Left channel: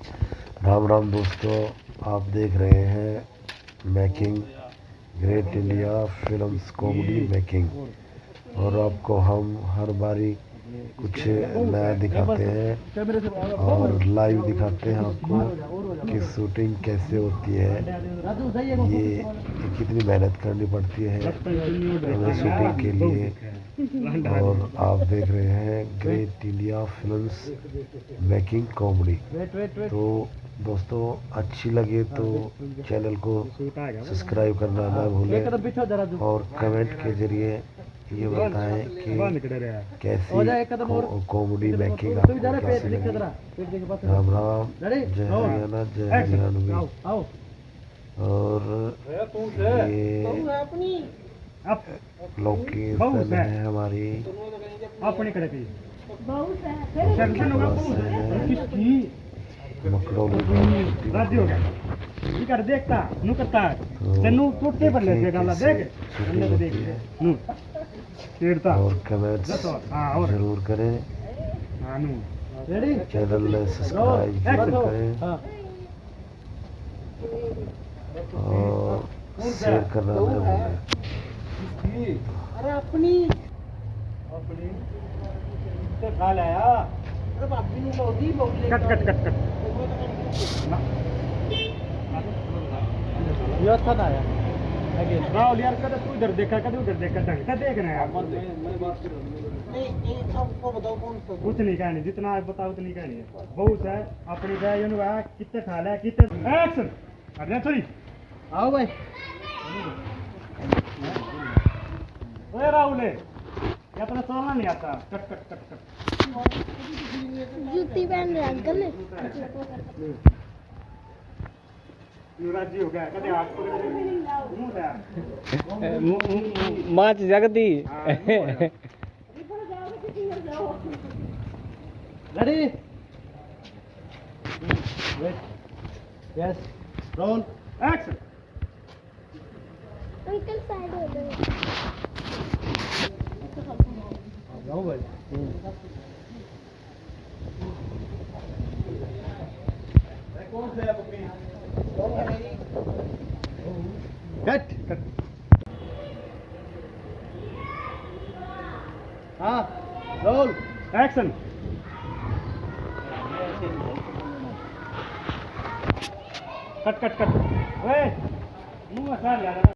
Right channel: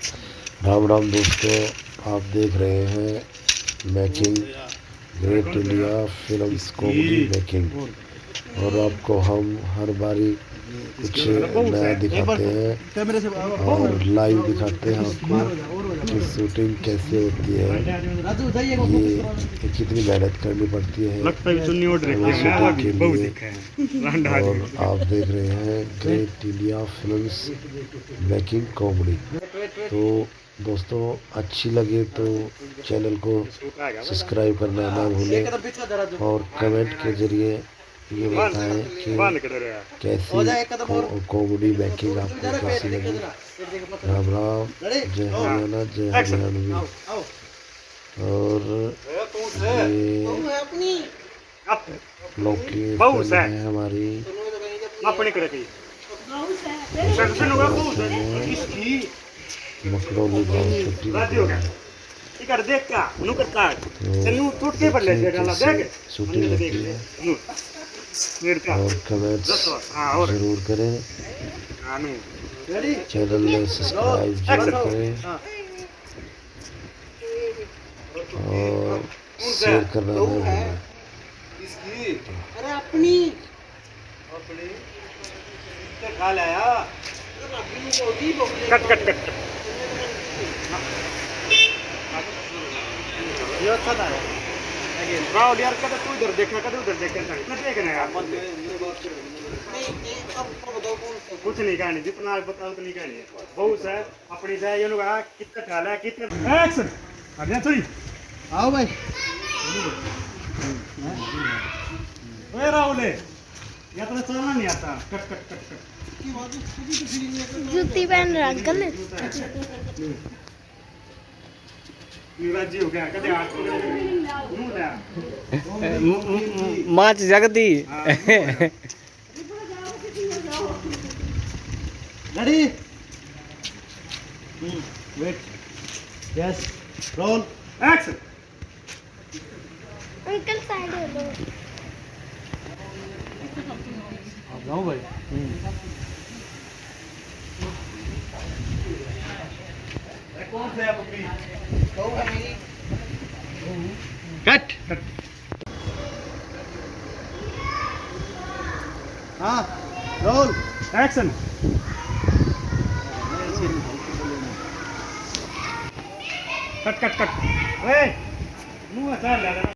राम राम दोस्तों, आप देख रहे हैं making great India films comedy making. और आपको हम हर बारी कुछ नया दिखाते हैं और लाइव दिखाते हैं आपको कि शूटिंग कैसे होती है, ये कितनी मेहनत करनी पड़ती है हमें शूटिंग के लिए। और आप देख रहे हैं great India films making comedy. तो दोस्तों, अच्छी लगे तो चैनल को सब्सक्राइब करना ना भूलें और कमेंट के जरिए ये बताएं कि कैसी कॉमेडी मेकिंग आपको कैसी लगी। राम राम, जय हरियाणा, जय हरियाणवी। और ये लोकेशन है हमारी और कमेंट्स जरूर करें, चैनल में सब्सक्राइब जरूर करें और शेयर करना ना भूलें। अरे अपनी खा लाया कट कट कट कट ये अच्छा था राहुल यार। कद तू इधर देखा, कद उधर देखा, देखना यार। कुछ नहीं कहनी, जितना आप बताओ उतनी कहनी है। बहुत है अपनी जाए कितने ठाला कितने एक्शन बढ़िया चली। आओ भाई राहुल या तो चलना नहीं आता। कट कट कट कट जूती पहन रहा अंकल। युवराज हो गया कदे हाथ माच जगती। Ready wait yes roll action. Uncle side हो लो। आप जाओ भाई। कौन से आप अपनी कट हाँ roll action. Cut cut cut मुंह